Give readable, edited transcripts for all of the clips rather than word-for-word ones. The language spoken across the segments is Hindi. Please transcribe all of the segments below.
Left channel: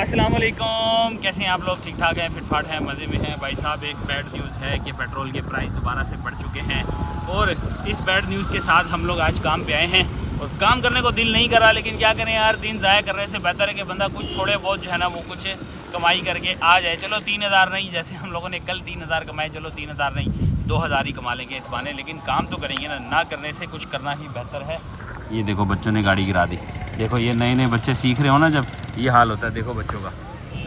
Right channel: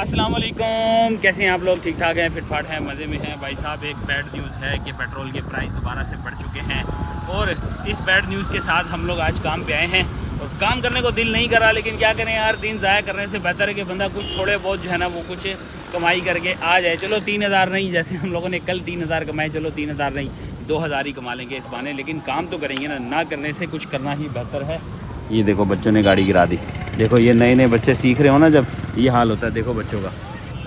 अस्सलाम वालेकुम, कैसे हैं आप लोग? ठीक ठाक हैं, फिटफाट हैं, मज़े में हैं। भाई साहब, एक बैड न्यूज़ है कि पेट्रोल के प्राइस दोबारा से बढ़ चुके हैं और इस बैड न्यूज़ के साथ हम लोग आज काम पे आए हैं और काम करने को दिल नहीं करा, लेकिन क्या करें यार, दिन ज़ाया करने से बेहतर है कि बंदा कुछ थोड़े बहुत जो है ना वो कुछ कमाई करके आ जाए। चलो 3000 नहीं, जैसे हम लोगों ने कल 3000 कमाए, चलो 3000 नहीं 2000 ही कमा लेंगे इस बहाने, लेकिन काम तो करेंगे ना करने से कुछ करना ही बेहतर है। ये देखो बच्चों ने गाड़ी गिरा दी। देखो ये नए नए बच्चे सीख रहे हो ना, जब ये हाल होता है देखो बच्चों का।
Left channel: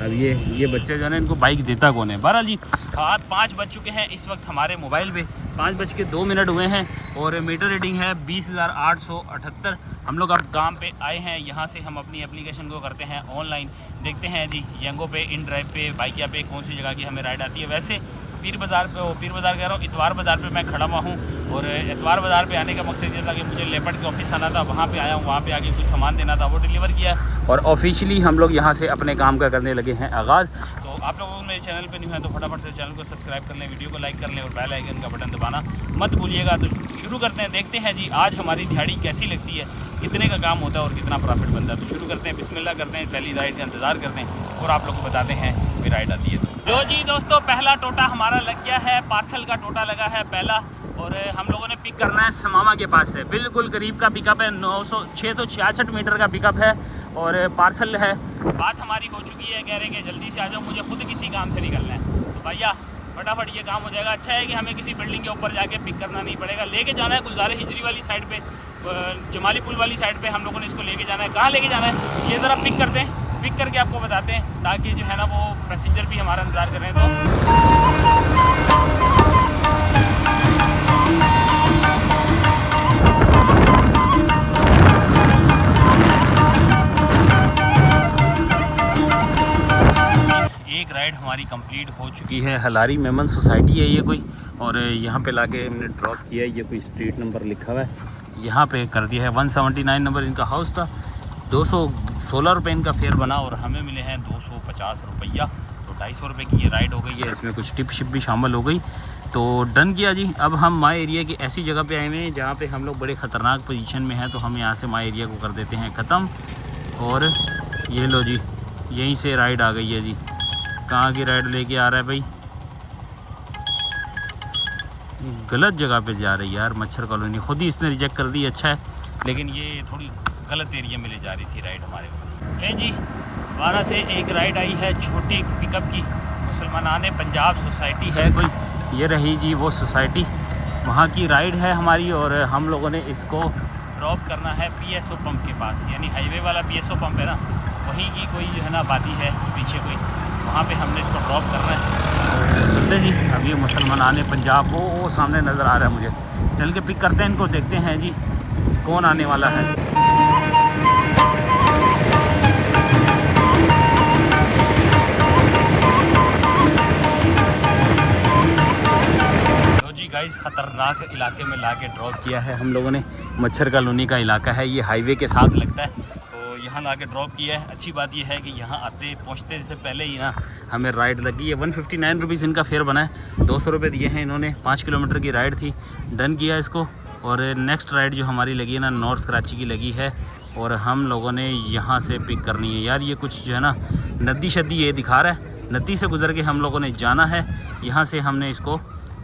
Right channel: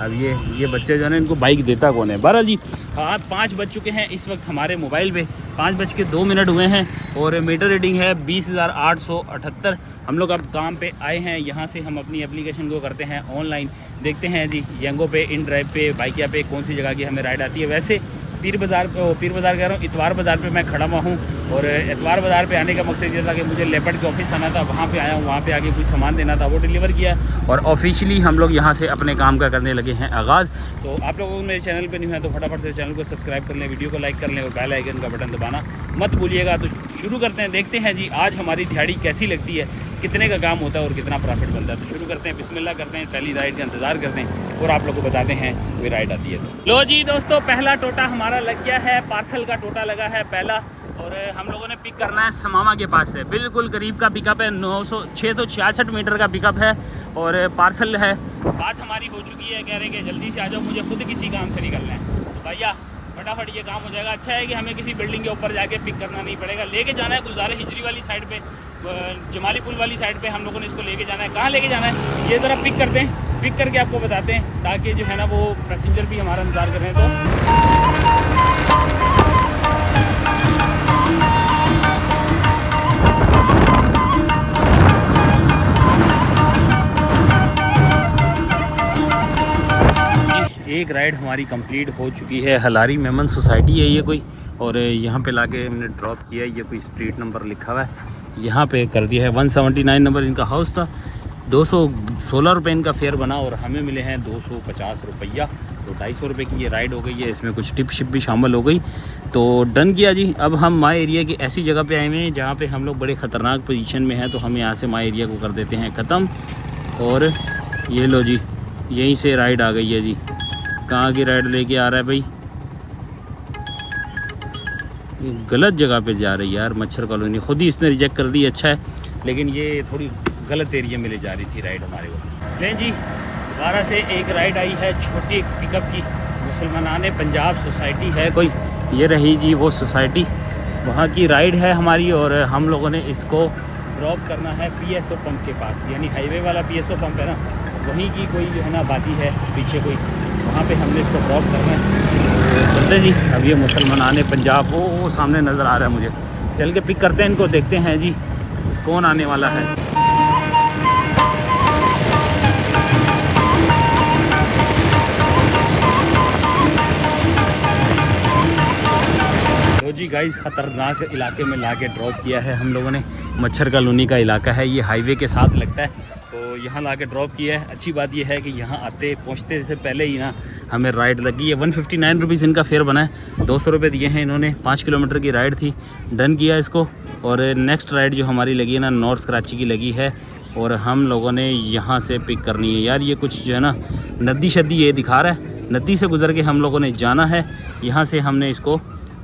अब ये बच्चे जो है ना, इनको बाइक देता कौन है? 12 जी 5 बज चुके हैं इस वक्त हमारे मोबाइल पे, 5:02 हुए हैं और मीटर रीडिंग है 20,878। हम लोग अब काम पे आए हैं, यहाँ से हम अपनी एप्लीकेशन को करते हैं ऑनलाइन। देखते हैं जी यंगो पे, इन ड्राइव पे, बाइकिया पे कौन सी जगह की हमें राइड आती है। वैसे पीर बाज़ार कह रहा हूँ, इतवार बाज़ार पे मैं खड़ा हुआ हूँ और इतवार बाज़ार पे आने का मकसद ये था कि मुझे लेपर्ड के ऑफिस आना था, वहाँ पे आया हूँ, वहाँ पे आके कुछ सामान देना था, वो डिलीवर किया है और ऑफिशियली हम लोग यहाँ से अपने काम का करने लगे हैं आगाज़। तो आप लोगों को मेरे चैनल पे नहीं है तो फटाफट से चैनल को सब्सक्राइब कर लें, वीडियो को लाइक कर लें और बेल आइकन का बटन दबाना मत भूलिएगा। तो शुरू करते हैं, देखते हैं जी आज हमारी दिहाड़ी कैसी लगती है, कितने का काम होता है और कितना प्रॉफिट बनता है। तो शुरू करते हैं, बिस्मिल्लाह करते हैं, पहली राइड का इंतज़ार करते हैं और आप लोगों को बताते हैं कोई राइड आती है। लो जी दोस्तों, पहला टोटा हमारा लग गया है, पार्सल का टोटा लगा है पहला और हम लोगों ने पिक करना है समामा के पास से, बिल्कुल करीब का पिकअप है, 666 मीटर का पिकअप है और पार्सल है। बात हमारी हो चुकी है, कह रहे हैं कि जल्दी से आ जाओ, मुझे खुद किसी काम से निकलना है भैया, फटाफट ये काम हो जाएगा। अच्छा है कि हमें किसी बिल्डिंग के ऊपर जाके पिक करना नहीं पड़ेगा, लेके जाना है गुलज़ारे हिजरी वाली साइड पे, जमाली पुल वाली साइड पे हम लोगों ने इसको लेके जाना है। कहाँ लेके जाना है ये ज़रा पिक करते हैं, पिक करके आपको बताते हैं, ताकि जो है ना वो पैसेंजर भी हमारा इंतज़ार कर रहे हैं। एक राइड हमारी कंप्लीट हो चुकी है, हलारी मेमन सोसाइटी है ये कोई, और यहाँ पे लाके हमने ड्रॉप किया है। ये कोई स्ट्रीट नंबर लिखा हुआ है, यहाँ पे कर दिया है। 179 नंबर इनका हाउस था, 216 रुपये इनका फेयर बना और हमें मिले हैं 250 रुपया। तो 250 रुपये की ये राइड हो गई है, इसमें कुछ टिप शिप भी शामिल हो गई। तो डन किया जी। अब हम माई एरिया की ऐसी जगह पे आए हुए हैं जहाँ पे हम लोग बड़े ख़तरनाक पोजीशन में हैं, तो हम यहाँ से माई एरिया को कर देते हैं ख़त्म। और ये लो जी, यहीं से राइड आ गई है जी। कहाँ की राइड लेके आ रहा है भाई? गलत जगह पे जा रही है यार, मच्छर कॉलोनी। खुद ही इसने रिजेक्ट कर दी, अच्छा है, लेकिन ये थोड़ी गलत एरिया में ले जा रही थी राइड हमारे को। नहीं जी, दोबारा से एक राइड आई है छोटी पिकअप की, मुसलमानाने पंजाब सोसाइटी है कोई, ये रही जी वो सोसाइटी, वहाँ की राइड है हमारी और हम लोगों ने इसको ड्रॉप करना है PSO पंप के पास, यानी हाईवे वाला PSO पंप है ना, वहीं की कोई है ना बाती है पीछे कोई, वहाँ पे हमने इसको ड्रॉप करना है। तो चलते जी, अब ये मुसलमानाने पंजाब वो सामने नज़र आ रहा है मुझे, चल के पिक करते हैं इनको, देखते हैं जी कौन आने वाला है। तो जी गाइस, ख़तरनाक इलाके में ला के ड्रॉप किया है हम लोगों ने, मच्छर कॉलोनी का इलाका है ये, हाईवे के साथ लगता है, तो यहाँ ला के ड्रॉप किया है। अच्छी बात यह है कि यहाँ आते पहुँचते से पहले ही ना हमें राइड लगी है। 159 रुपीज़ इनका फेयर बना है, 200 रुपये दिए हैं इन्होंने। 5 किलोमीटर की राइड थी, डन किया इसको। और नेक्स्ट राइड जो हमारी लगी है ना, नॉर्थ कराची की लगी है और हम लोगों ने यहाँ से पिक करनी है। यार ये कुछ जो है ना नदी शदी ये दिखा रहा है, नदी से गुजर के हम लोगों ने जाना है, यहाँ से हमने इसको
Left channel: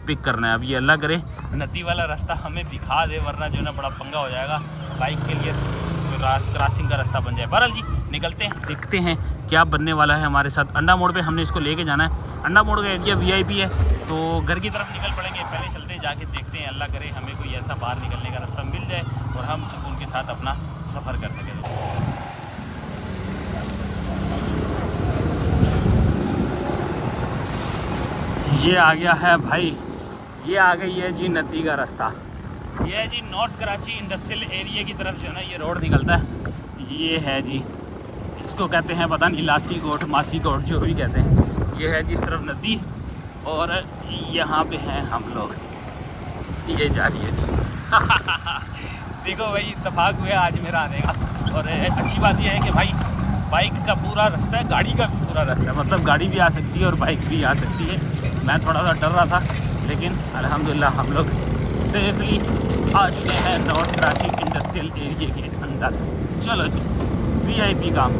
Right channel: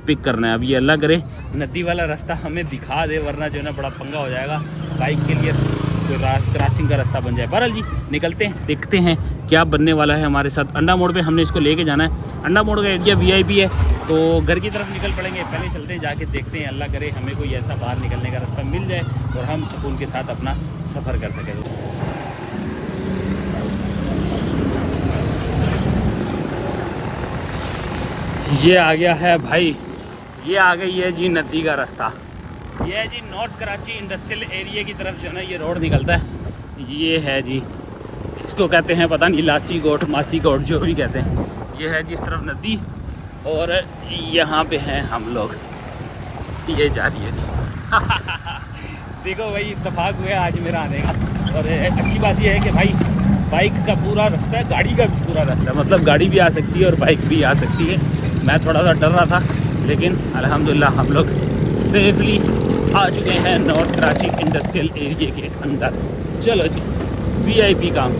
पिक करना है। अब ये अल्लाह करे नदी वाला रास्ता हमें दिखा दे, वरना जो है ना बड़ा पंगा हो जाएगा बाइक के लिए, जो क्रॉसिंग का रास्ता बन जाए। बहरहाल जी निकलते हैं, देखते हैं क्या बनने वाला है हमारे साथ। अंडा मोड़ पे हमने इसको लेके जाना है। अंडा मोड़ का एरिया VIP है, तो घर की तरफ निकल पड़ेंगे। पहले चलते हैं, जाके देखते हैं, अल्लाह करे हमें कोई ऐसा बाहर निकलने का रास्ता मिल जाए और हम सुकून के साथ अपना सफ़र कर सकें। ये आ गया है भाई, ये आ गई है जी नदी का रास्ता। ये है जी नॉर्थ कराची इंडस्ट्रियल एरिया की तरफ जो है ना ये रोड निकलता है। ये है जी, इसको कहते हैं पता नहीं लासी गोट, मासी गोट, जो भी कहते हैं। ये है जी इस तरफ नदी और यहाँ पे हैं हम लोग, ये जा रही है जी। देखो भाई, इत्तेफाक हुआ आज मेरा आने का। और अच्छी बात यह है कि भाई बाइक का पूरा रास्ता है, गाड़ी का भी पूरा रास्ता है, मतलब गाड़ी भी आ सकती है और बाइक भी आ सकती है। मैं थोड़ा सा डर रहा था, लेकिन अल्हम्दुलिल्लाह हम लोग सेफली आ चुके हैं नॉर्थ कराची इंडस्ट्रियल एरिया के अंदर। चलो जी, VIP काम।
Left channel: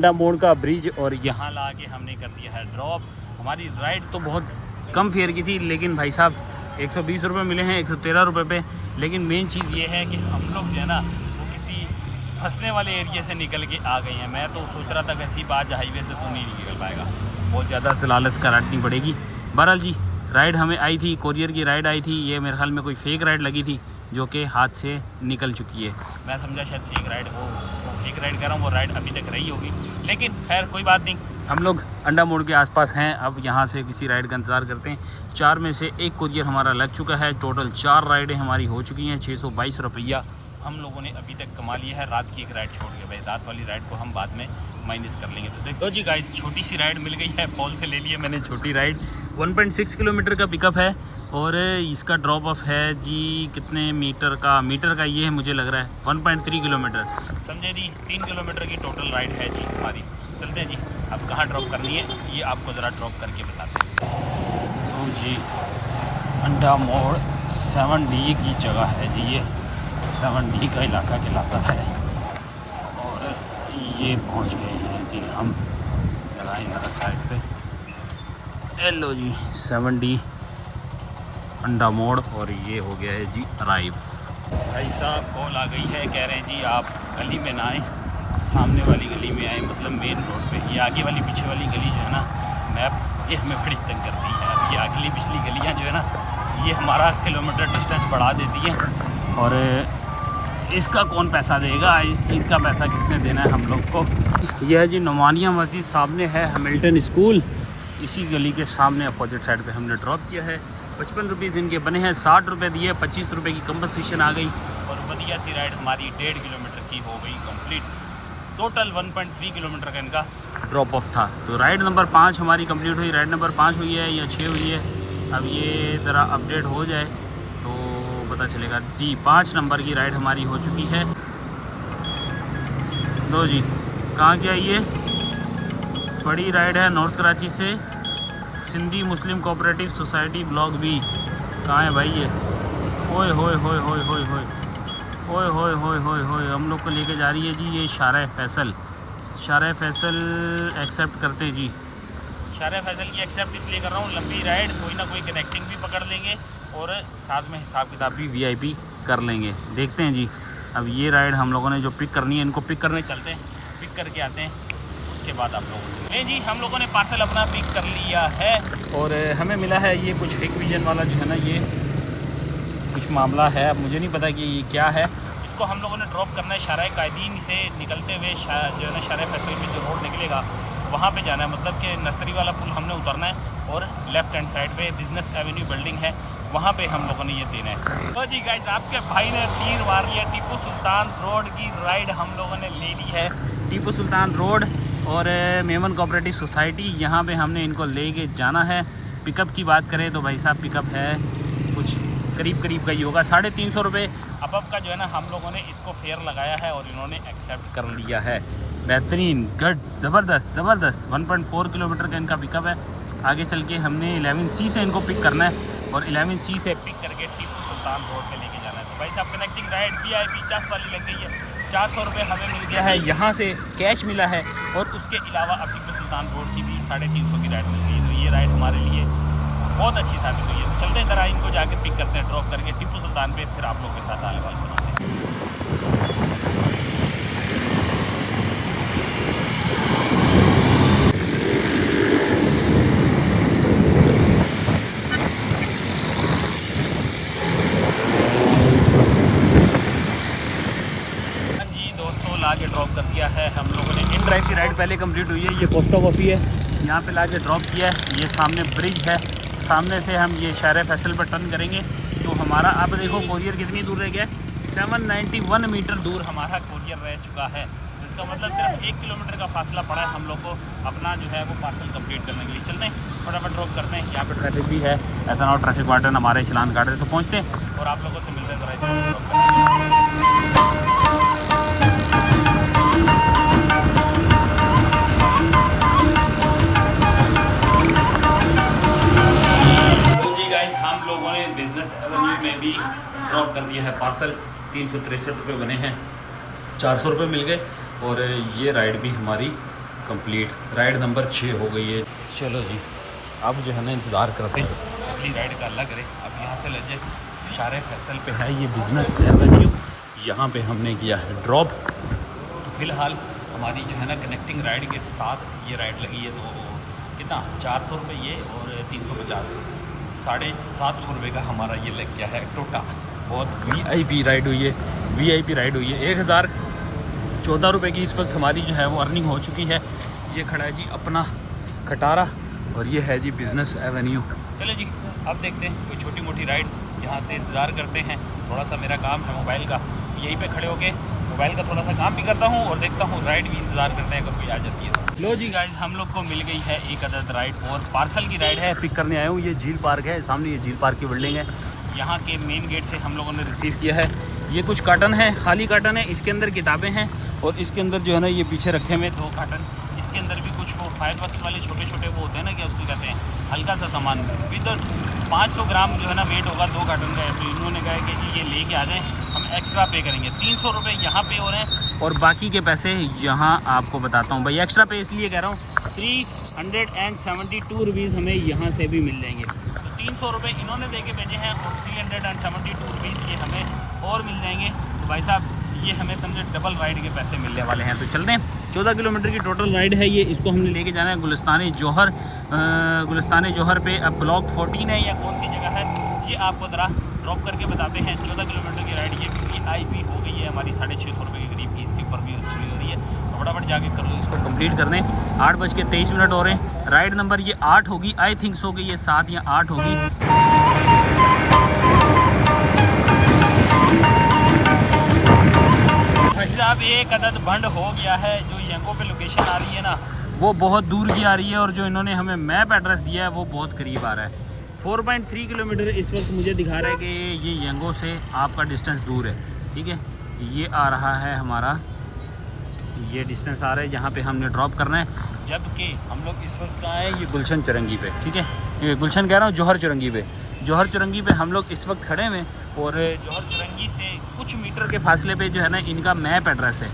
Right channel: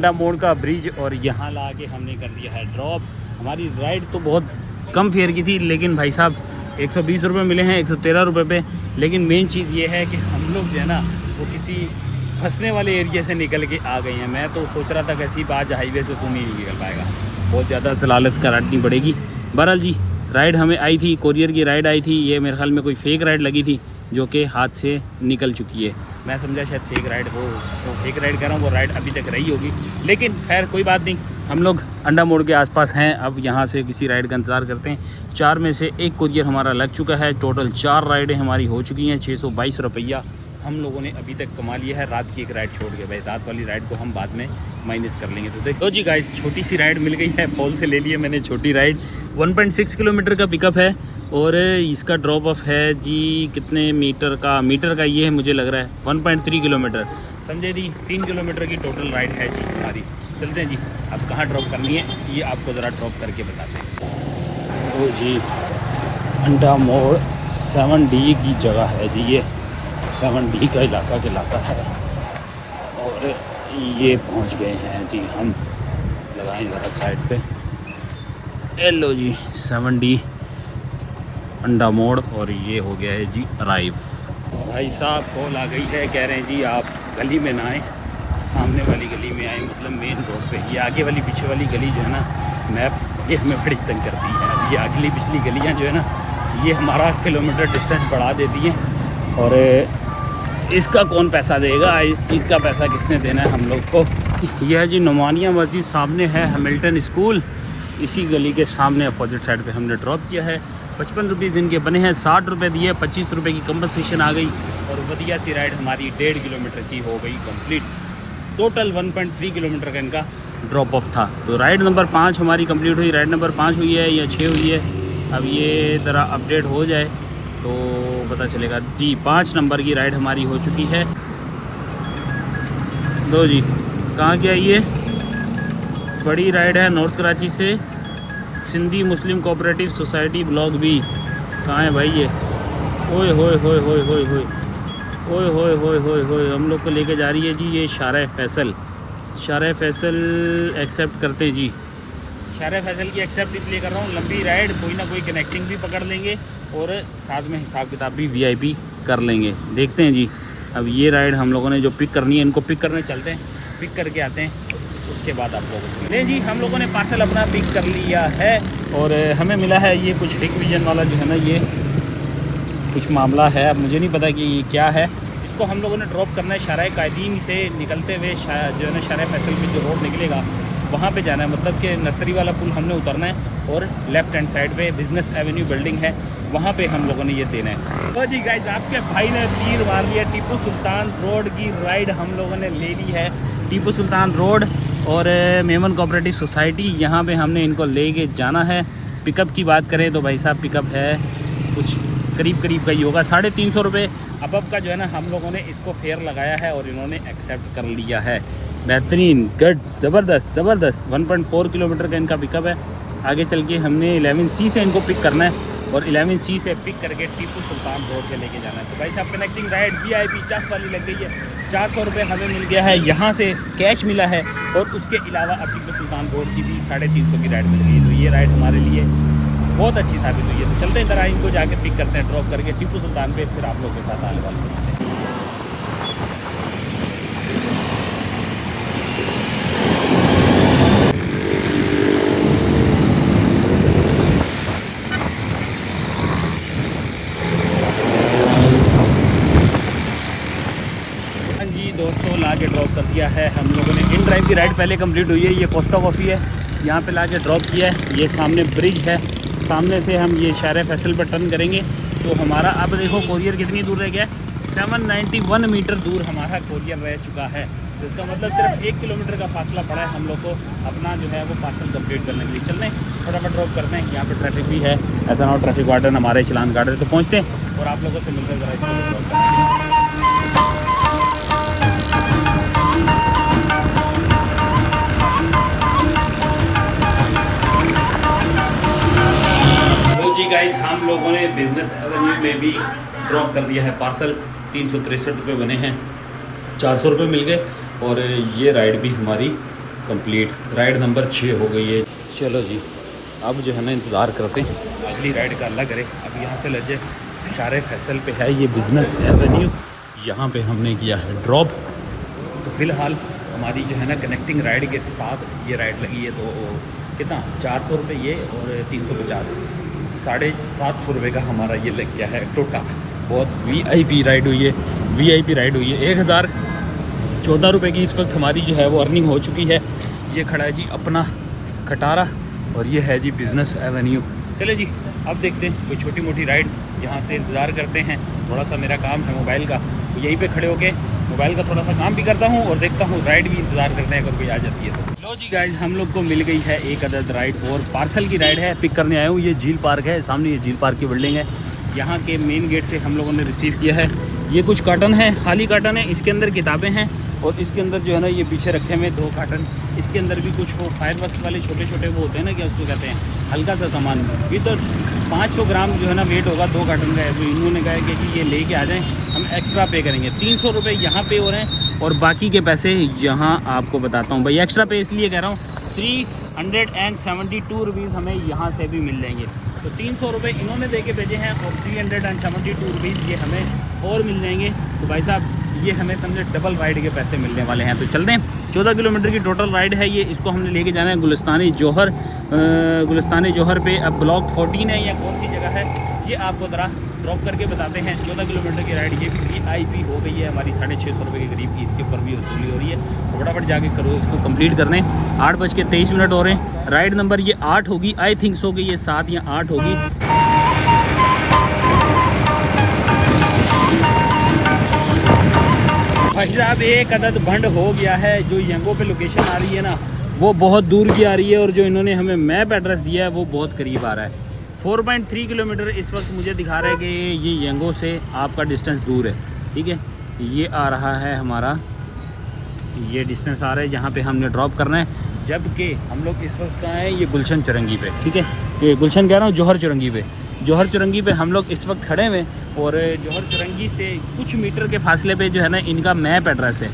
अंडा मोड़ का ब्रिज और यहाँ ला के हमने कर दिया है ड्रॉप। हमारी राइड तो बहुत कम फेयर की थी, लेकिन भाई साहब 120 रुपये मिले हैं 113 रुपये पे। लेकिन मेन चीज़ ये है कि हम लोग जो है ना वो किसी फंसने वाले एरिया से निकल के आ गए हैं। मैं तो सोच रहा था कि ऐसी बात हाईवे से तो नहीं निकल पाएगा, बहुत ज़्यादा जलालत करानी पड़ेगी। बहरहाल जी राइड हमें आई थी, कोरियर की राइड आई थी। ये मेरे ख्याल में कोई फेक राइड लगी थी जो कि हाथ से निकल चुकी है। मैं समझा शायद फेक राइड हो, वो फेक राइड कर रहा हूँ, वो राइड अभी तक रही होगी। लेकिन खैर कोई बात नहीं, हम लोग अंडा मोड़ के आसपास हैं। अब यहाँ से किसी राइड का इंतज़ार करते हैं। 4 में से 1 कोरियर हमारा लग चुका है। टोटल 4 राइडें हमारी हो चुकी हैं। 622 रुपया हम लोगों ने अभी तक कमा लिया है। रात की एक राइड छोड़ के, भाई रात वाली राइड को हम बाद में माइनस कर लेंगे। तो देखो जी गाइस, छोटी सी राइड मिल गई है, पोल से ले लिए मैंने छोटी राइड। 1.6 किलोमीटर का पिकअप है और इसका ड्रॉप ऑफ है जी कितने मीटर का ये है, मुझे लग रहा है 1.3 किलोमीटर, समझे जी। 3 किलोमीटर की टोटल राइड है जी हमारी। चलते हैं जी, अब कहाँ ड्रॉप करनी है ये आपको ज़रा ड्रॉप करके बताते हैं। ओ जी, अंडा मोड़ 7D की जगह है जी, ये 7D का इलाका है और ये पहुंच गए हैं जी हम। लगाएं ज़रा साइड पे। हेलो जी, 7D अंडा मोड़ और ये हो गया है जी अराइव। भाई साहब कॉल आ गई है, कह रहे हैं जी आप गली में ना आए, सामने वाली गली में आए, मतलब मेन रोड पे। ये आगे वाली पीछे वाली गली जो है ना, मैप ये हमें बड़ी तंग करती है। ये अगली पिछली गलियाँ जो है ना, ये हमारा किलोमीटर डिस्टेंस बढ़ा देती हैं और इसका कौन पैसा देगा, इस चीज़ का पैसा किसने देना है हम लोग को। यह जी नुमानिया मस्जिद सामने है, हैमिल्टन स्कूल इसी गली के सामने अपोजिट साइड पे हमने ड्रॉप किया है। 55 रुपये दिन के बने हैं, 60 रुपये दिए, 25 रुपये की कंपनसेशन आ गई और बढ़िया सी राइड हमारी 1.5 किलोमीटर की हो गई कंप्लीट। टोटल 1.3 किलोमीटर का इनका ड्रॉप ऑफ था। तो राइड नंबर 5 हमारी कंप्लीट हुई। राइड नंबर 5 हुई है या 6 हुई है, अब ये ज़रा अपडेट हो जाए तो पता चलेगा जी। 5 नंबर की राइड हमारी हो चुकी है। दो जी, कहाँ की आई है? बड़ी राइड है नॉर्थ कराची से, सिंधी मुस्लिम कोऑपरेटिव सोसाइटी ब्लॉक बी। कहाँ है भाई ये? ओए होए होए होए होए होए ओए होए होए होए होए, हम लोग को लेके जा रही है जी ये शारा फैसल। शारा फैसल एक्सेप्ट करते हैं जी। शारा फैसल की एक्सेप्ट इसलिए कर रहा हूँ, लंबी राइड, कोई ना कोई कनेक्टिंग भी पकड़ लेंगे और साथ में हिसाब किताब भी VIP कर लेंगे। देखते हैं जी, अब ये राइड हम लोगों ने जो पिक करनी है, इनको पिक करने चलते हैं, पिक करके आते हैं, उसके बाद आप लोगों से ले जी। हम लोगों ने पार्सल अपना पिक कर लिया है और हमें मिला है ये कुछ हिग विजन वाला जो है ना, ये कुछ मामला है, अब मुझे नहीं पता कि ये क्या है। इसको हम लोगों ने ड्रॉप करना है शारा कायदीन से निकलते हुए, जो है ना शारा फैसल की जो रोड निकलेगा वहाँ पे जाना है, मतलब कि नर्सरी वाला पुल हमने उतरना है और लेफ़्ट हैंड साइड पे बिजनेस एवेन्यू बिल्डिंग है, वहाँ पे हम लोगों ने ये देना है। तो जी गाइस, आपके भाई ने तीर मार लिया। टीपू सुल्तान रोड की राइड हम लोगों ने ले ली है। टीपू सुल्तान रोड और मेमन कोऑपरेटिव सोसाइटी, यहाँ पे हमने इनको लेके जाना है। पिकअप की बात करें तो भाई साहब पिकअप है कुछ करीब का ही होगा, 350 रुपये अबव का जो है ना हम लोगों ने इसको फेयर लगाया है और इन्होंने एक्सेप्ट कर लिया है। बेहतरीन, गुड, ज़बरदस्त 1.4 किलोमीटर का इनका पिकअप है। आगे चल के हमने 11C से इनको पिक करना है और 11C से पिक करके टीपू सुल्तान रोड पे लेके जाना है। तो भाई साहब कनेक्टिंग राइड VIP 50 वाली लग गई है। 400 रुपये हमें मिल गया है, यहाँ से कैश मिला है और उसके अलावा अब टीपू सुल्तान रोड की भी 350 की राइड मिल गई। तो ये राइड हमारे लिए बहुत अच्छी साबित हुई है। तो चलते हैं तरह इनको जाके पिक करते हैं ड्रॉप करके टीपू सुल्तान पे, फिर आप लोग के साथ आने वाले। ला के ड्रॉप कर दिया है हम लोगों ने। इन ड्राइव की राइड पहले कंप्लीट हुई है। ये कोस्टा कॉफ़ी है, यहाँ पे ला के ड्रॉप किया है। ये सामने ब्रिज है, सामने से हम ये शारा फैसल पर टर्न करेंगे तो हमारा, अब देखो कोरियर कितनी दूर रह गया, 791 मीटर दूर हमारा कोरियर रह चुका है। तो इसका मतलब सिर्फ 1 किलोमीटर का फासला पड़ा है हम लोग को अपना जो है वो पार्सल कंप्लीट करने के लिए। चल रहे हैं, फटाफट ड्रॉप करते हैं। यहाँ पे ट्रैफिक भी है, ऐसा ना हो ट्रैफिक वार्डन हमारे चलान काट रहे। तो पहुँचते हैं और आप लोगों से मिलते हैं ज़रा। गाइस, हम लोगों ने बिजनेस एवेन्यू में भी ड्रॉप कर दिया है पार्सल। 363 रुपये बने हैं, 400 रुपये मिल गए और ये राइड भी हमारी कंप्लीट। राइड नंबर 6 हो गई है। चलो जी, अब जो है ना इंतज़ार करते हैं अगली राइड का अल्लाह करे। अब यहाँ से लगे शारे फैसल पे है ये बिज़नेस एवेन्यू, यहाँ पे हमने किया है ड्रॉप। तो फ़िलहाल हमारी जो है ना कनेक्टिंग राइड के साथ ये राइड लगी है। तो कितना 400 रुपये ये और 350, 750 रुपये का हमारा ये लग गया है टोटा। बहुत VIP राइड हुई है, VIP राइड हुई है। 1014 रुपये की इस वक्त हमारी जो है वो अर्निंग हो चुकी है। ये खड़ा है जी अपना खटारा और ये है जी बिज़नेस एवेन्यू। चले जी, अब देखते हैं कोई छोटी मोटी राइड। यहाँ से इंतज़ार करते हैं। थोड़ा सा मेरा काम था मोबाइल का, तो यहीं पे खड़े होके मोबाइल का थोड़ा सा काम भी करता हूँ और देखता हूँ राइड की इंतज़ार करते हैं अगर कोई आ जाती है तो। लो जी गाइस, हम लोग को मिल गई है एक अदद राइड और पार्सल की राइड है। पिक करने आया हूँ। ये झील पार्क है सामने, ये झील पार्क की बिल्डिंग है। यहाँ के मेन गेट से हम लोगों ने रिसीव किया है। ये कुछ कार्टन है, खाली कार्टन है, इसके अंदर किताबें हैं और इसके अंदर जो है ना ये पीछे रखे हुए 2 कार्टन, इसके अंदर भी कुछ वो फायरवर्क्स वाले छोटे छोटे वो होते हैं ना, क्या उसको कहते हैं, हल्का सा सामान। ये तो 500 ग्राम जो है ना वेट होगा 2 कार्टन का। तो इन्होंने कहा है कि ये लेके आ जाएं, हम एक्स्ट्रा पे करेंगे। 300 रुपये यहाँ पे हो रहे हैं और बाकी के पैसे यहाँ आपको बताता हूँ भाई। एक्स्ट्रा पे इसलिए कह रहा हूँ, 372 रुपीज़ हमें यहाँ से भी मिल जाएंगे। तो 300 रुपये इन्होंने दे के भेजे हैं और 372 रुपीज़ ये हमें और मिल जाएंगे। तो भाई साहब ये हमें समझे डबल राइड के पैसे मिलने वाले हैं। तो चलते हैं। 14 किलोमीटर की टोटल राइड है ये। इसको हमने लेके जाना है गुलिस्तान जौहर। गुलिस्तान जौहर पे अब ब्लॉक 14 है या कौन सी जगह है ये आपको ज़रा ड्रॉप करके बताते हैं। 14 किलोमीटर की राइड ये VIP हो गई है हमारी, 650 रुपये के करीब की इसके ऊपर भी वसूली हो रही है। तो फटाफट जाके करो, इसको कंप्लीट करने। 8:23 हो रहे हैं। राइड नंबर ये 8 होगी, आई थिंक सो कि ये 7 या 8 होगी। भाई साहब एक अदद भंड हो गया है। जो यंगो पे लोकेशन आ रही है ना वो बहुत दूर की आ रही है और जो इन्होंने हमें मैप एड्रेस दिया है वो बहुत करीब आ रहा है। 4.3 किलोमीटर इस वक्त मुझे दिखा रहा है कि ये यंगो से आपका डिस्टेंस दूर है। ठीक है, ये आ रहा है हमारा, ये डिस्टेंस आ रहा है जहाँ पे हमने ड्रॉप करना है। जबकि हम लोग इस वक्त कहाँ हैं, ये गुलशन चुरंगी पे। ठीक है, ये गुलशन कह रहा हूँ, जौहर चुरंगी पे। जौहर चुरंगी पे हम लोग इस वक्त खड़े हुए और जौहर चुरंगी से कुछ मीटर के फासले पे जो है ना इनका मैप एड्रेस है।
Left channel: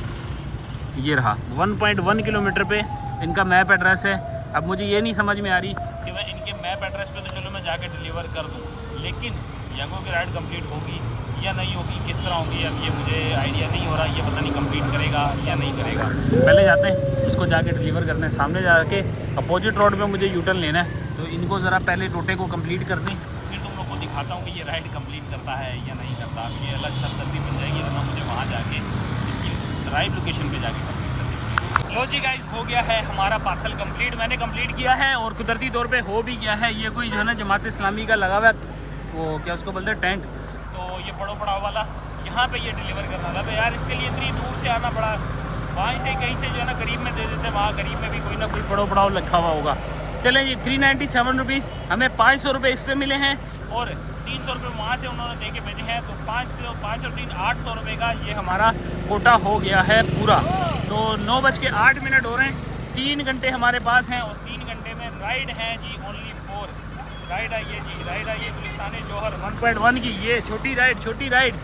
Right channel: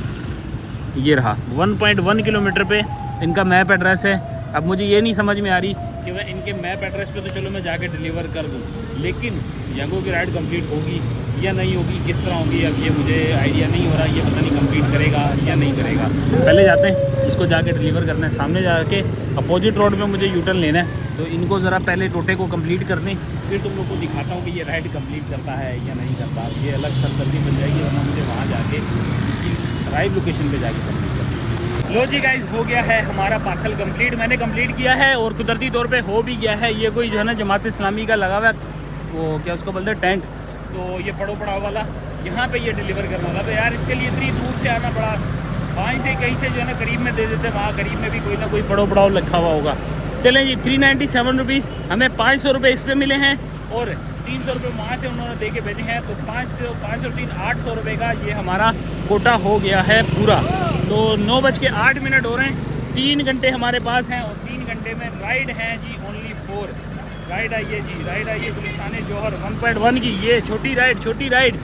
ये रहा 1.1 किलोमीटर पे इनका मैप एड्रेस है। अब मुझे ये नहीं समझ में आ रही कि मैं इनके मैप एड्रेस पे तो चलो मैं जाके डिलीवर कर दूँ, लेकिन यंगो की राइड कंप्लीट होगी या नहीं होगी, किस तरह होगी, अब ये मुझे आइडिया नहीं हो रहा कि हमें कंप्लीट करेगा या नहीं करेगा। पहले जाते हैं, इसको जाके डिलीवर करना है। सामने जाके अपोजिट रोड में मुझे यूटर्न लेना है। तो इनको ज़रा पहले टोटे को कंप्लीट कर दें, फिर तुम लोग को दिखाता हूँ कि ये राइड कंप्लीट करता है या नहीं करता। ये अलग सरदर्दी बन जाएगी, वरना मुझे वहाँ जाके इसकी राइड लोकेशन पे जाके कंप्लीट करनी है। लो जी गाइस, हो गया है हमारा पार्सल कंप्लीट। मैंने कंप्लीट किया है और कुदरती तौर पे हो भी गया है। ये कोई जो है ना जमात इस्लामी का लगा हुआ वो क्या उसको बोलते हैं टेंट, तो ये पड़ो पड़ाव वाला यहाँ पे ये डिलीवर करना था। तो यार इसके लिए इतनी दूर से आना पड़ा। वहाँ से कहीं से जो है ना करीब में दे देते, वहाँ करीब में भी कोई ना कोई पड़ो पड़ाव लिखा हुआ होगा। चलें जी, 397 रुपीज़ हमें 500 रुपये इस पर मिले हैं और 300 रुपये वहाँ से उन्होंने दे के भेजे हैं। तो 503 800 रुपये का ये हमारा कोटा हो गया है पूरा। तो 9:08 हो रहे हैं। 3 घंटे हमारे पास हैं और 3 घंटे में राइड है जी ओनली 4 राइड आई है जी। राइड आई है गुलिस्तान जौहर 1.1 की। ये छोटी राइड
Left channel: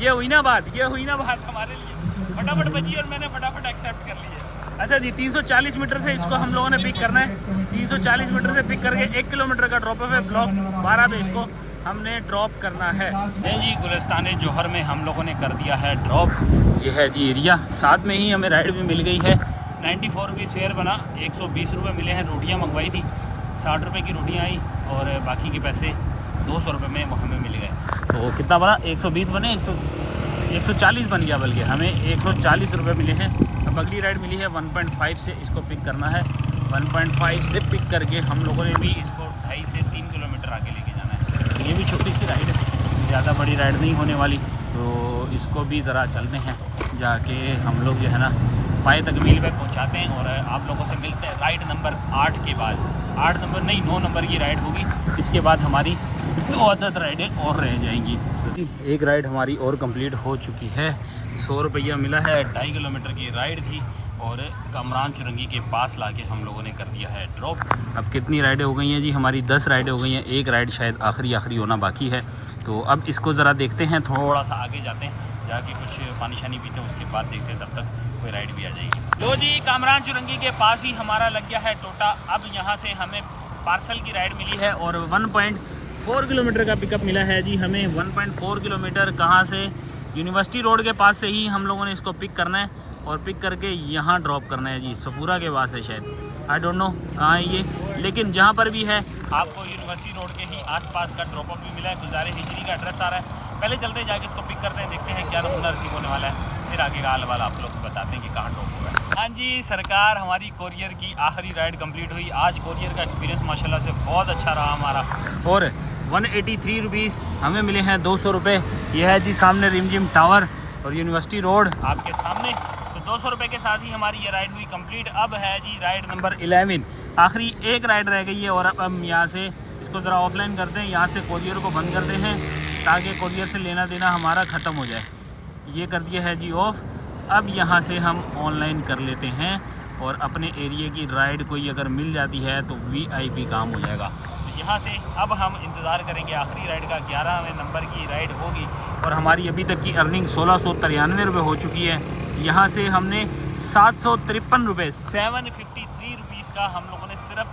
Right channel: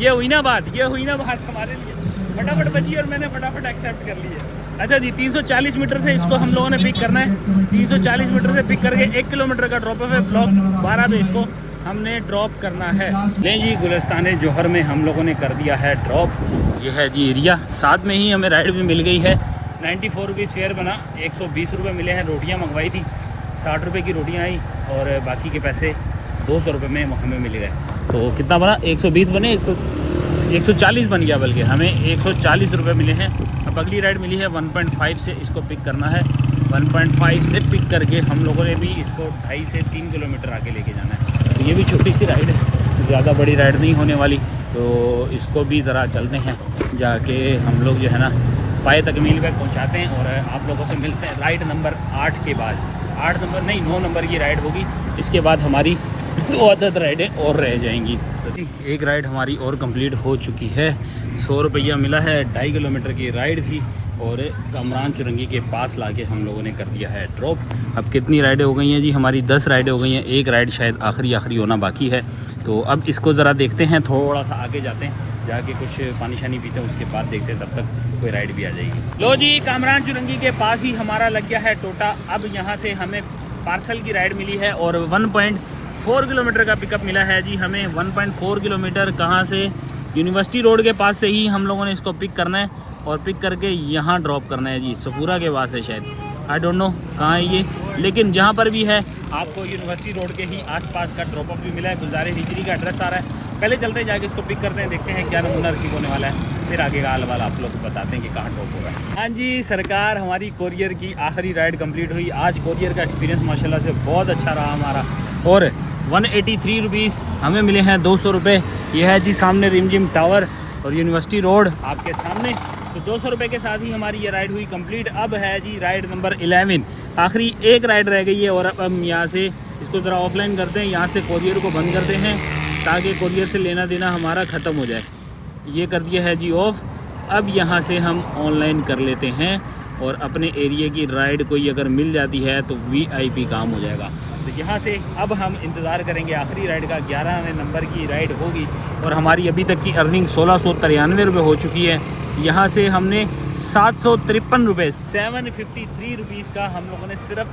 ये हुई ना बात, हमारे लिए फटाफट बजी और मैंने फटाफट एक्सेप्ट कर ली है। अच्छा जी, 340 मीटर से इसको हम लोगों ने पिक करना है। 340 मीटर से पिक करके 1 किलोमीटर का ड्रॉप है। ब्लॉक 12 पे इसको हमने ड्रॉप करना है। नहीं जी, गुलिस्तान जौहर में हम लोगों ने कर दिया है ड्रॉप। ये है जी एरिया, साथ में ही हमें राइड भी मिल गई है। 94 रुपीज़ फेयर बना, 120 रुपये मिले हैं। रोटियाँ मंगवाई थी, 60 रुपये की रोटियाँ आई और बाकी के पैसे 200 रुपये में हमें मिल गए। तो कितना बना, 120 बने, 140 बन गया, बल्कि हमें 140 रुपये मिले हैं। अब अगली राइड मिली है 1.5 से, इसको पिक करना है। 1.5 से पिक करके हम लोगों ने भी इसको 2.5 से 3 किलोमीटर आगे लेके जाना है। तो ये भी छोटी सी राइड है, ज़्यादा बड़ी राइड नहीं होने वाली। तो इसको भी ज़रा चलते हैं, जाके हम लोग जो है ना पाए तकमील पे पहुंचाते हैं और आप लोगों से मिलते हैं राइड नंबर 8 के बाद। 8 नंबर नहीं, 9 नंबर की राइड होगी। इसके बाद हमारी 2 अदद राइडें और रह जाएंगी। तो एक राइड हमारी और कंप्लीट हो चुकी है। 100 रुपया मिला है। 2.5 किलोमीटर की राइड थी और कमरान चुरंगी के पास लाके हम लोगों ने कर दिया है ड्रॉप। अब कितनी राइडें हो गई हैं जी, हमारी 10 राइडें हो गई हैं। एक राइड शायद आखिरी होना बाकी है। तो अब इसको ज़रा देखते हैं, थोड़ा सा आगे जाते हैं, जाके कुछ पानी शानी पीते हैं, उसके बाद देखते हैं, तब तक कोई राइड भी आ जाएगी। लो जी, कामरान चुरंगी के पास ही हमारा लग गया है टोटा। अब यहाँ से हमें पार्सल की राइड मिली है और 1.4 किलोमीटर का पिकअप मिला है जी हमें। 1.4 किलोमीटर कहाँ से? यूनिवर्सिटी रोड के पास से ही हम लोगों ने इसको पिक करना है और पिक करके यहाँ ड्रॉप करना है जी। सफूरा के पास है शायद, आई डोंट नो कहाँ है ये, लेकिन जहाँ पर भी है आपको यूनिवर्सिटी रोड के ही आसपास का ड्रॉप ऑफ भी मिला है। गुलजारे मिस्त्री का एड्रेस आ रहा है। पहले चलते हैं, जाके इसको पिक करते हैं, देखते हैं क्या नमूना रिसीव होने वाला है, फिर आगे का हाल वाला आप लोग को बताते हैं कि कहाँ ड्रॉप होगा। हाँ जी सरकार, हमारी कोरियर की आखिरी राइड कंप्लीट हुई। आज कोरियर का एक्सपीरियंस माशाल्लाह से बहुत अच्छा रहा हमारा। और 183 रुपीज़ हमें मिले हैं, 200 रुपये। यह है जी सामने रिमझिम टावर और यूनिवर्सिटी रोड आपके सामने। तो 200 रुपये के साथ ही हमारी ये राइड हुई कंप्लीट। अब है जी राइड नंबर 11, आखिरी एक राइड रह गई है। और अब हम यहाँ से इसको ज़रा ऑफलाइन करते हैं, यहाँ से कोरियर को बंद करते हैं ताकि कोरियर से लेना देना हमारा ख़त्म हो जाए। ये कर दिया है जी ऑफ। अब यहाँ से हम ऑनलाइन कर लेते हैं और अपने एरिया की राइड कोई अगर मिल जाती है तो VIP काम हो जाएगा। तो यहाँ से अब हम इंतज़ार करेंगे आखिरी राइड का। 11वें नंबर की राइड होगी और हमारी अभी तक की अर्निंग 1693 रुपये हो चुकी है। यहाँ से हमने 753 रुपये 753 रुपीज़ का हम लोगों ने सिर्फ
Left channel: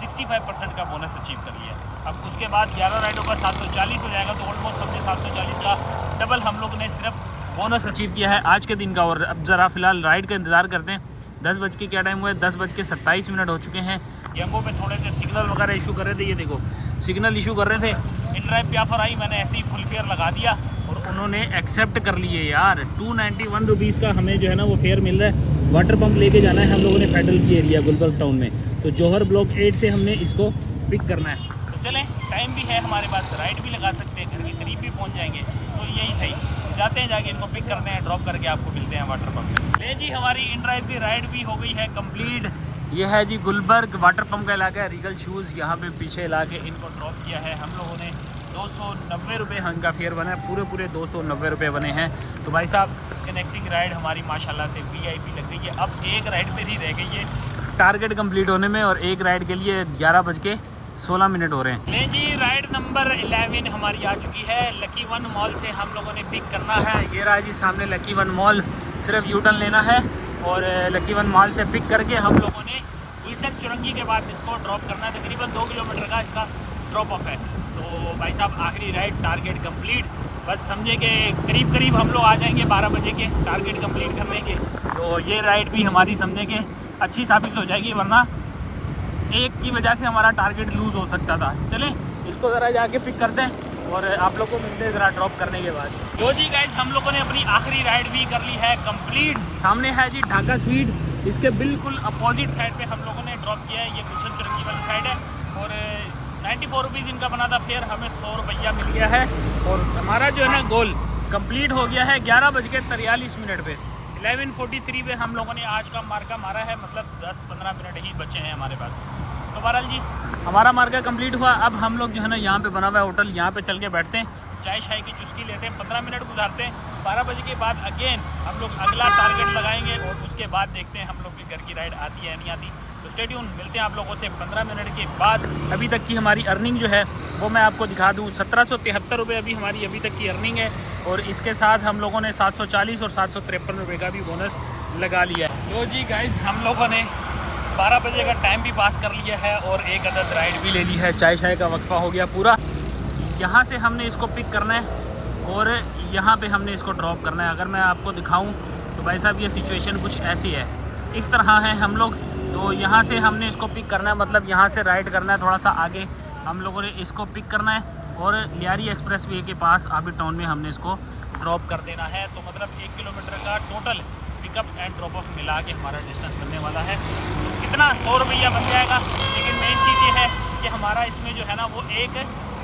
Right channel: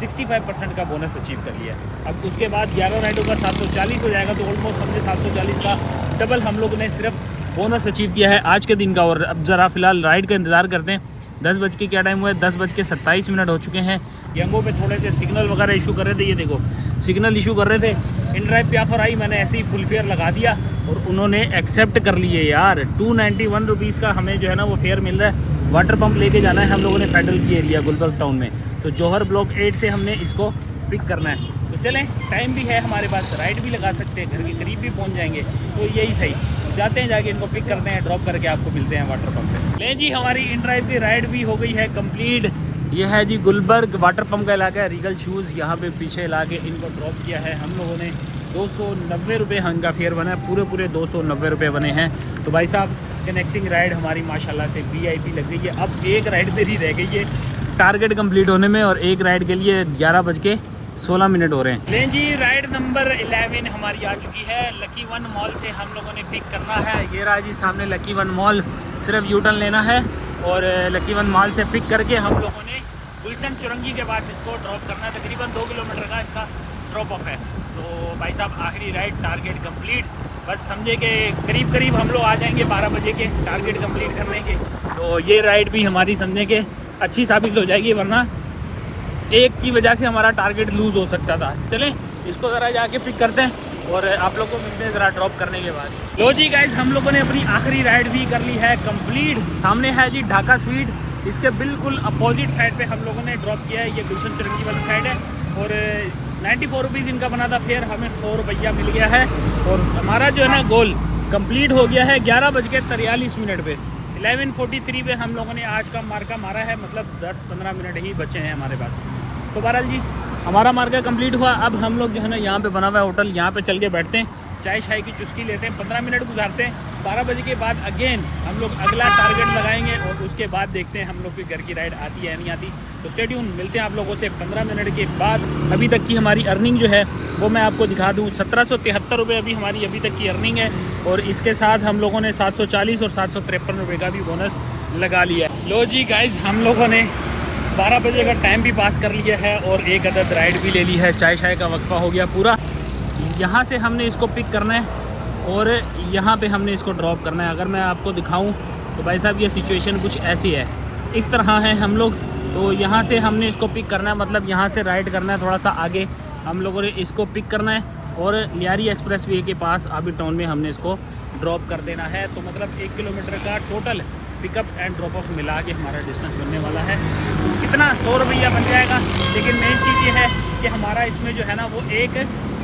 65% का बोनस अचीव कर लिया। अब उसके बाद 11 राइडों का 740 हो जाएगा, तो ऑलमोस्ट हमने 740 का डबल हम लोगों ने सिर्फ बोनस अचीव किया है आज के दिन का। और अब ज़रा फ़िलहाल राइड का इंतज़ार करते हैं। 10 बज के क्या टाइम हुआ है? 10:27 हो चुके हैं। यंगो पे थोड़े से सिग्नल वगैरह इशू कर रहे थे, ये देखो सिग्नल इशू कर रहे थे। इन ड्राइव पे ऑफर आई, मैंने ऐसे ही फुल फेयर लगा दिया और उन्होंने एक्सेप्ट कर लिए यार। 291 रुपीज़ का हमें जो है ना वो फेयर मिल रहा है। वाटर पंप लेके जाना है हम लोगों ने फेडरल की एरिया गुलबर्ग टाउन में। तो जौहर ब्लॉक 8 से हमने इसको पिक करना है। तो चलें, टाइम भी है हमारे पास, राइड भी लगा सकते हैं, घर के करीब भी पहुँच जाएंगे, तो यही सही। जाते हैं, जाके इनको पिक करते हैं, ड्रॉप करके आपको मिलते हैं वाटर पंप पे। ले जी, हमारी इन ड्राइव की राइड भी हो गई है कंप्लीट। ये है जी गुलबर्ग वाटर पंप का इलाका है, रीगल शूज़ यहाँ पे पीछे ला के इनको ड्रॉप किया है हम लोगों ने। 290 रुपये इनका फेयर बना है, पूरे 290 रुपये बने हैं। तो भाई साहब, कनेक्टिंग राइड हमारी माशाल्लाह से VIP लग गई है। अब एक राइड मेरी रह गई है टारगेट कंप्लीट होने में और एक राइड के लिए 11:16 हो रहे हैं। लें जी, राइड नंबर 11 हमारी आ चुकी है। लकी वन मॉल से हम लोगों ने पिक करना है। ये रहा जी सामने लकी वन मॉल, सिर्फ यूटर्न लेना है और लकी वन मॉल से पिक करके हम लोगों ने गुलशन चुरंगी के पास इसको ड्रॉप करना है। तकरीबन 2 किलोमीटर का इसका ड्रॉप ऑफ है। तो भाई साहब, आखिरी राइड टारगेट कंप्लीट। बस समझे कि करीब हम लोग आ जाएंगे 12 बजे के टारगेट कंप्लीट करने के। तो ये राइड भी हमारी समझे कि अच्छी साबित हो जाएगी, वरना एक की वजह से हमारा टारगेट लूज़ हो सकता था। चलें, इसको ज़रा जाके पिक करते हैं और आप लोग को मिलते हैं ज़रा ड्रॉप करने के बाद। लो जी गाइज, हम लोगों ने अपनी आखिरी राइड भी कर ली है कंप्लीट। सामने है जी ढाका स्वीट, इसके बिल्कुल अपोजिट साइड पे हम लोगों ने ड्रॉप किया है। ये गुलशन चुरंगी वाली साइड है और 94 रुपीज़ इनका बना था फेयर, हमें 100 रुपया मिल गया है। और हमारा जो है ना गोल कंप्लीट हो गया है 11:43 पे। 11:43 पे हम लोगों ने आज का मार्का मारा है, मतलब 10-15 मिनट ही बचे हैं हमारे पास। तो बहरहाल जी, हमारा मार्का कंप्लीट हुआ। अब हम लोग जो है ना यहाँ पे बना हुआ है होटल, यहाँ पे चल के बैठते हैं, चाय शाय की चुस्की लेते हैं, 15 मिनट गुजारते हैं। 12 बजे के बाद अगेन हम लोग अगला टारगेट लगाएंगे और उसके बाद देखते हैं हम लोग की घर की राइड आती है नहीं आती। तो स्टे ट्यून, मिलते हैं आप लोगों से 15 मिनट के बाद। अभी तक की हमारी अर्निंग जो है वो मैं आपको दिखा दूँ। 1773 रुपये अभी हमारी अभी तक की अर्निंग है और इसके साथ हम लोगों ने 740 और 753 रुपये का भी बोनस लगा लिया है। लो जी गाइज, हम लोगों ने 12 बजे का टाइम भी पास कर लिया है और एक अदद राइड भी ले ली है। चाय शाय का वक्फा हो गया पूरा। यहाँ से हमने इसको पिक करना है और यहाँ पे हमने इसको ड्रॉप करना है। अगर मैं आपको दिखाऊं तो भाई साहब, ये सिचुएशन कुछ ऐसी है, इस तरह है हम लोग। तो यहाँ से हमने इसको पिक करना है, मतलब यहाँ से राइड करना है, थोड़ा सा आगे हम लोगों ने इसको पिक करना है और लियारी एक्सप्रेस वे के पास आबिद टाउन में हमने इसको ड्रॉप कर देना है। तो मतलब 1 किलोमीटर का total pickup and drop of मिला के हमारा डिस्टेंस बनने वाला है। इतना 100 रुपया बन जाएगा। लेकिन मेन चीज़ ये है कि हमारा इसमें जो है ना वो एक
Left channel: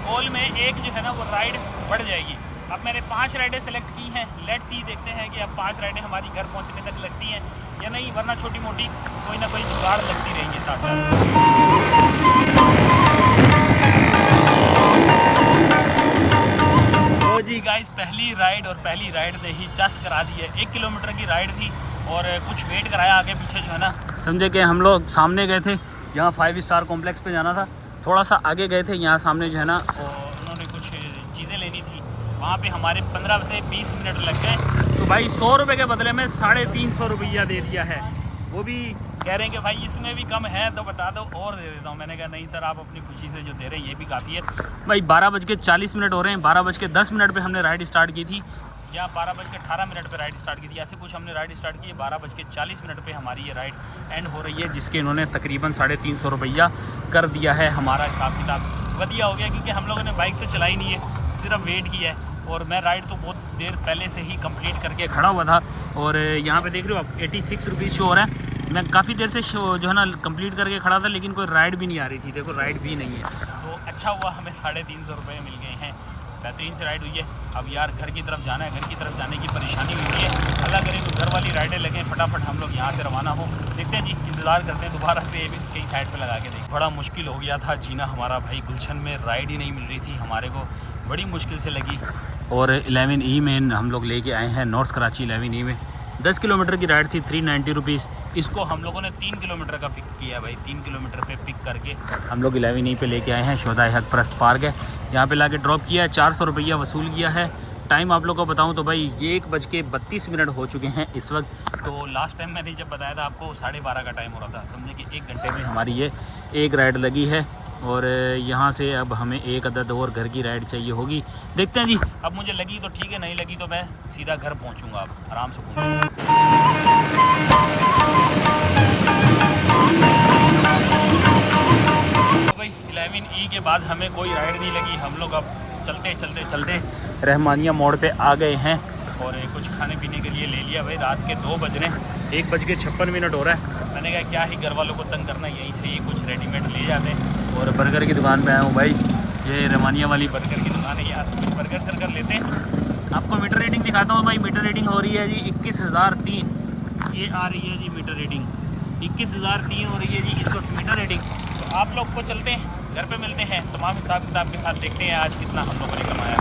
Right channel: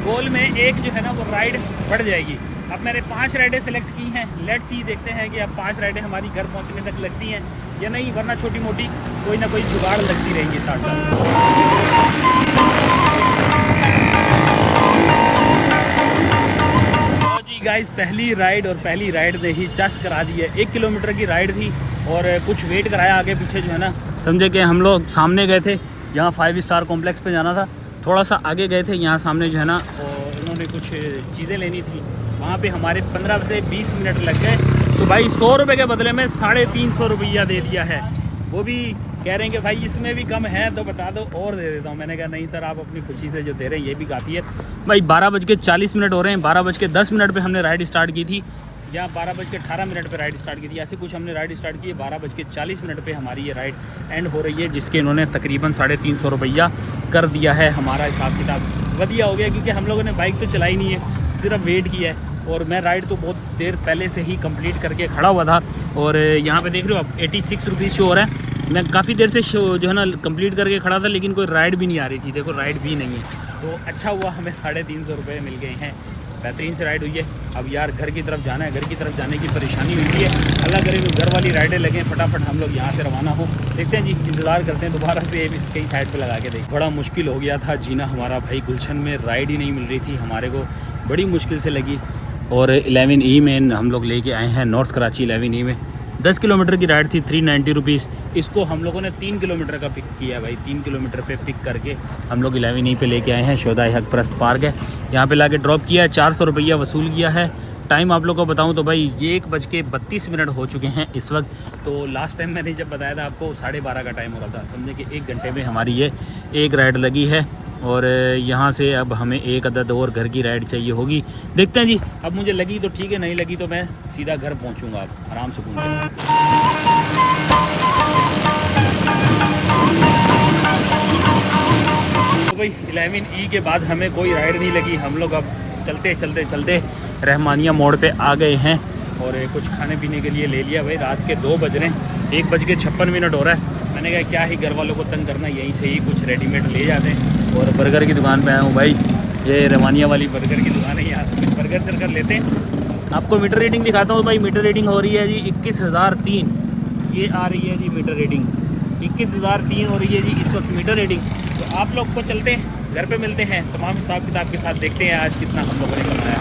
गोल में एक जो है ना वो राइड बढ़ जाएगी। अब मैंने 5 राइडें सेलेक्ट की हैं। लेट्स सी, देखते हैं कि अब 5 राइडें हमारी घर पहुंचने तक लगती हैं या नहीं, वरना छोटी मोटी कोई ना कोई जुगाड़ लगती रहेंगी साथ साथ। तो जी गाइस, पहली राइड ने ही चस करा दी है। 1 किलोमीटर की राइड थी और कुछ वेट कराया आगे पीछे जो है ना। समझे कि हम लोग सामने गए थे, यहाँ 5 स्टार कॉम्प्लेक्स पे जाना था, थोड़ा सा आगे गए थे, यहाँ सामने जो है ना तो उन्होंने कुछ चीज़ें लेनी थी, वहाँ पे हमारे 15 से 20 मिनट लग गए। तो भाई 100 रुपये के बदले में 350 रुपया दे दिया है। वो भी कह रहे हैं कि भाई इसमें भी कम है तो बता दो और दे देता हूँ। मैंने कहा नहीं सर, आप अपनी खुशी से जो दे रहे हैं ये भी काफ़ी है। भाई 12:40 हो रहे हैं, 12:10 पे हमने राइड स्टार्ट की थी, या 12:18 पे राइड स्टार्ट की थी, ऐसे कुछ हमने राइड स्टार्ट की है। 12:40 पे हमारी ये राइड एंड हो रही है, जिसके इन्होंने तकरीबन 350 रुपया कर दिया है। हमारा हिसाब किताब बढ़िया हो गया, क्योंकि हम लोगों ने बाइक तो चलाई नहीं है, सिर्फ वेट किया है। और मैं राइड तो बहुत देर पहले से ही कंप्लीट करके खड़ा हुआ था, और यहाँ पे देख रहे हो आप 86 रुपीज़ शो हो रहा है। मैं काफ़ी देर से शो जो है ना कंप्लीट करके खड़ा था, लेकिन कोई राइड भी नहीं आ रही थी। देखो राइड भी नहीं है, तो अच्छा हुआ हमें 350 रुपये मिल गए हैं। बेहतरीन से राइड हुई है। अब यार घर की तरफ जाना है, घर की तरफ जाने की परेशानी होती है। अल्लाह करे तो घर वाली राइडें लगें, फटाफट हम लोग यहाँ से रवाना हो। देखते हैं जी, इंतज़ार करते हैं दोबारा से कई साइड पे लगा के देख। बड़ा मुश्किल हो गया था जीना हमारा भाई, गुलशन में राइड ही नहीं मिल रही थी हमारे को, बड़ी मुश्किल से लगी। और 11E में हम लोग लेके आए हैं, नॉर्थ कराची 11E में 10 किलोमीटर की राइड थी, 390 रुपीज़। इसको हम लोगों ने 3 किलोमीटर का पिक किया भाई, 3 किलोमीटर पे पिक करके हम लोग 11E पे लेके आए हैं। शोधा हक परस्त पार्क है, यहाँ पे लाके ड्रॉप किया है, 400 रुपया वसूल किया है। टाइम आप लोग को बताऊं तो भाई 1:32 हो चुके हैं इस वक्त। तो लास्ट टाइम मैंने जब बताया था आपको 12:30 का टाइम हो रहा था, समझे कि 1 घंटे में हमारी ये एक राइड लगी है। और यहाँ से अब हमें एक अदद और घर की राइड चाहिए होगी। देखते हैं जी, अब मुझे लगी तो ठीक है, नहीं लगी तो मैं सीधा घर पहुँचूँगा, आप आराम से पहुँचूँगा। तो भाई 11E के बाद हमें कोई राइड नहीं लगी। हम लोग अब चलते रहमानिया मोड़ पे आ गए हैं, और कुछ खाने पीने के लिए ले लिया। भाई रात के 2 बज रहे हैं, 1:56 हो रहा है। मैंने कहा क्या ही घर वालों को तंग करना, यहीं से ही कुछ रेडीमेड ले जाते हैं। और बर्गर की दुकान पे आया हूँ भाई, ये रहमानिया वाली बर्गर की दुकान है, यहाँ से कुछ बर्गर शर्गर लेते हैं। आपको मीटर रीडिंग दिखाता हूँ भाई। मीटर रीडिंग हो रही है जी 21,003, ये आ रही है जी मीटर रीडिंग 21,003 हो रही है जी इस वक्त मीटर रीडिंग। तो आप लोग को चलते हैं, घर पे मिलते हैं, तमाम हिसाब किताब के साथ देखते हैं आज कितना हम लोगों ने कमाया।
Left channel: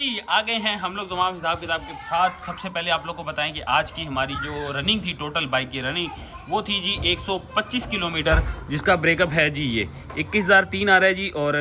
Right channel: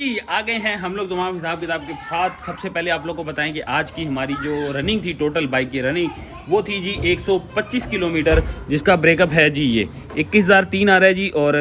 जी आ गए हैं हम लोग तमाम हिसाब किताब के साथ। सबसे पहले आप लोग को बताएं कि आज की हमारी जो रनिंग थी, टोटल बाइक की रनिंग, वो थी जी 125 किलोमीटर, जिसका ब्रेकअप है जी ये 21,003 आ रहा है जी। और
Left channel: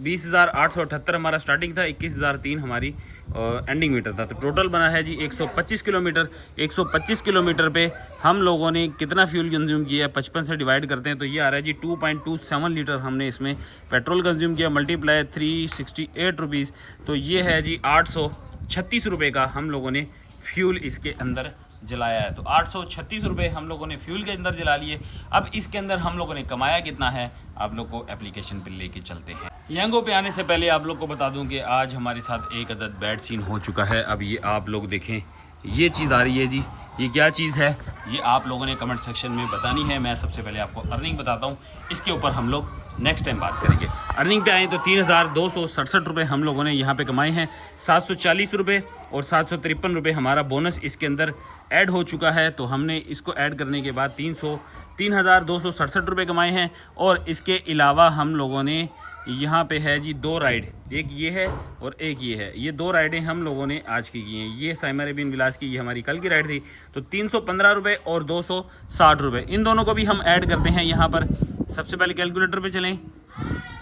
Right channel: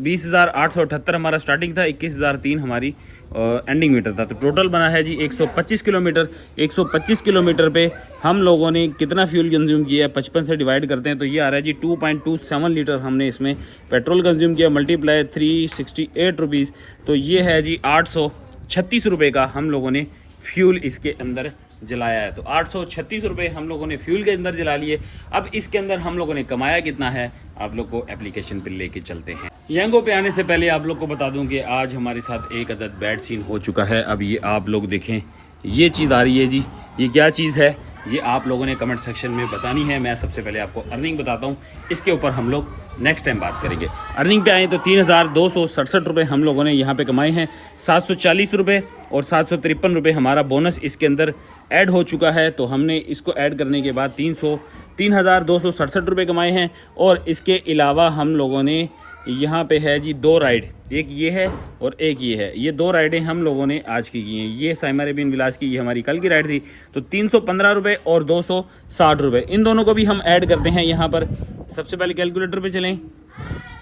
20,878 हमारा स्टार्टिंग था, 21,003 हमारी एंडिंग मीटर था। तो टोटल बना है जी 125 किलोमीटर। 125 किलोमीटर पे हम लोगों ने कितना फ्यूल कंज्यूम किया है, 55 से डिवाइड करते हैं तो ये आ रहा है जी 2.27 लीटर हमने इसमें पेट्रोल कंज्यूम किया, मल्टीप्लाई 368 रुपीज़। तो ये है जी 836 रुपये का हम लोगों ने फ्यूल इसके अंदर जलाया है। तो 836 रुपये हम लोगों ने फ्यूल के अंदर जला लिए। अब इसके अंदर हम लोगों ने कमाया कितना है, आप लोग को एप्लीकेशन पे लेके चलते हैं। यंगो पे आने से पहले आप लोग को बता दूं कि आज हमारे साथ एक अदद बैड सीन हो चुका है। अब ये आप लोग देखें, ये चीज़ आ रही है जी, ये क्या चीज़ है ये आप लोगों ने कमेंट सेक्शन में बतानी है। मैं सबसे पहले आपको अर्निंग बताता हूँ, इसके ऊपर हम लोग नेक्स्ट टाइम बात करेंगे। अर्निंग पे आए तो 3,267 रुपये हम लोगों ने यहाँ पे कमाए हैं। 740 रुपये और 753 रुपये हमारा बोनस इसके अंदर ऐड हो चुका है। तो हमने इसको ऐड करने के बाद 3,267 रुपये कमाए हैं। और इसके अलावा हम लोगों ने यहाँ पे है जी 2 राइड, एक ये है और एक ये है। ये 2 राइडें हम लोगों ने आज की हैं। ये साइमा अरेबियन विलास की, ये हमारी कल की राइड थी। तो 315 रुपये और 260 रुपये, इन दोनों को भी हम ऐड करते हैं यहाँ पर। सबसे पहले कैलकुलेटर पे चलें,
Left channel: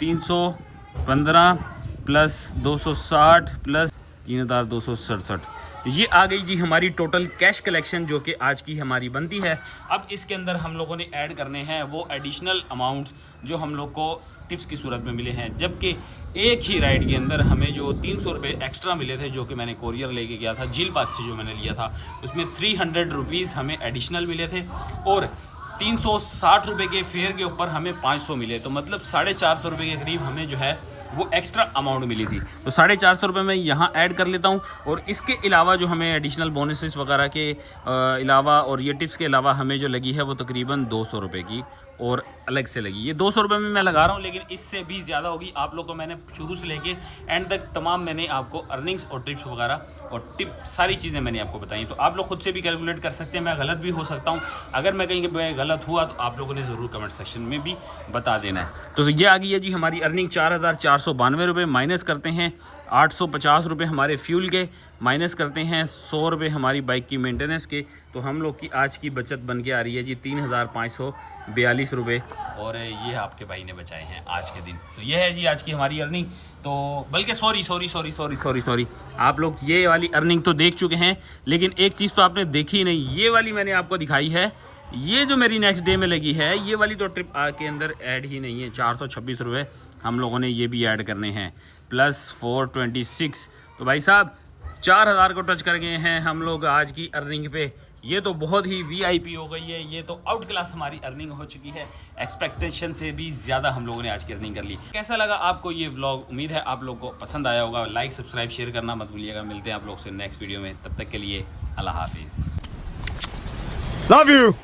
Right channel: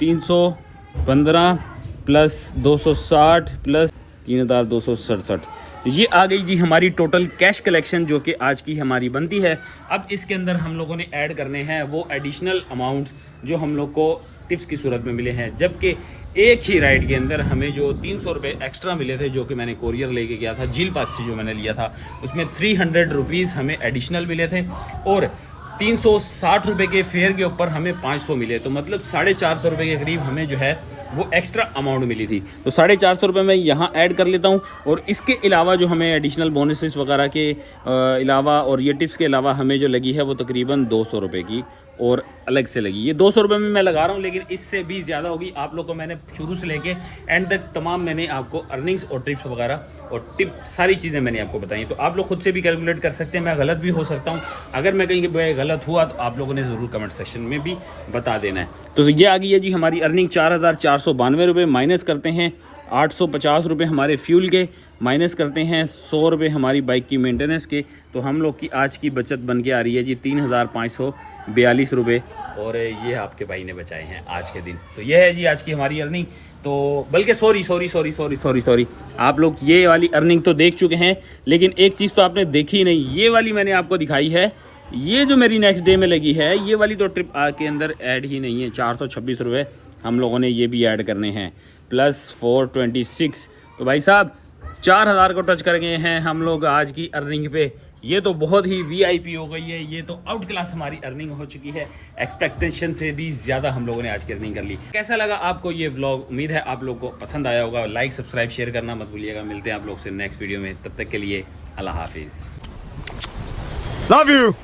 315 प्लस 260 प्लस 3,267, ये आ गई जी हमारी टोटल कैश कलेक्शन, जो कि आज की हमारी बनती है। अब इसके अंदर हम लोगों ने ऐड करने हैं वो एडिशनल अमाउंट जो हम लोग को टिप्स की सूरत में मिले हैं। जबकि एक ही राइड के अंदर हमें जो 300 रुपये एक्स्ट्रा मिले थे, जो कि मैंने कोरियर लेके गया था झील पास से, जो मैंने लिया था उसमें 300 रुपीज़ हमें एडिशनल मिले थे। और 360 रुपये के फेयर के ऊपर हमें 500 मिले। तो मतलब 450 रुपये के करीब हमें जो है वो एक्स्ट्रा अमाउंट मिली थी। तो 450 रुपये मैं यहाँ ऐड कर लेता हूँ। और इसके अलावा जो हमें एडिशनल बोनसेस वगैरह के अलावा और ये टिप्स के अलावा हमें जो लगी है वो तकरीबन 200 रुपये की और अलग से लगी। ये 200 रुपये में मैं लगा रहा हूँ, लेकिन इससे भी ज़्यादा होगी। आप लोग को मैंने शुरू से लेके एंड तक तमाम मैंने आपको अर्निंग्स और टिप्स वगैरह और टिप सारी चीज़ें मैंने आपको बताई। तो आप लोग खुद से भी कैलकुलेट कर सकते हैं, मैं गलत भी हो सकता हूँ। अगर मैं कहीं गलत हुआ तो आप लोगों ने ज़रूर कमेंट सेक्शन में भी बता देना है। तो ये आ गई है जी हमारी अर्निंग 4,492 रुपये। माइनस करते हैं 850 रुपये हमारे फ्यूल के, माइनस करते हैं 100 रुपये हमारी बाइक की मेंटेनेंस के, तो हम लोग की आज की बचत बन के आ रही है जी 3542 रुपये। और ये आपके भाई ने बचाए हैं आज के दिन। तो ये है जी आज की हमारी अर्निंग। तो बल्कि सॉरी, आप लोग ये वाली अर्निंग तो देख चुके हैं, लेकिन एक चीज़ तो आपने देखी नहीं, ये वाली मैंने आपको दिखाई है। ये जो मेरी नेक्स्ट डे में लगी है, ये वाली तो ट्रिप के अंदर ऐड ही नहीं है। 426 रुपये हम लोगों ने ये भी ऐड करने हैं, प्लस 426। तो भाई साहब 4000 को टच कर गए हैं हम लोग आज की अर्निंग पे। ये तो बहुत ही वीआईपी हो गई है, ये तो आउट क्लास हमारी अर्निंग हो चुकी है। एक्सपेक्टेशन से भी ज़्यादा हम लोगों ने आज की अर्निंग कर ली। कैसा लगा आपको ये व्लॉग? उम्मीद है आप लोगों को पसंद आया होगा। लाइक सब्सक्राइब शेयर करना मत भूलिएगा। मिलते हैं आप लोग से नेक्स्ट वीडियो में, तब तक के लिए अल्लाह हाफिज़। Love you.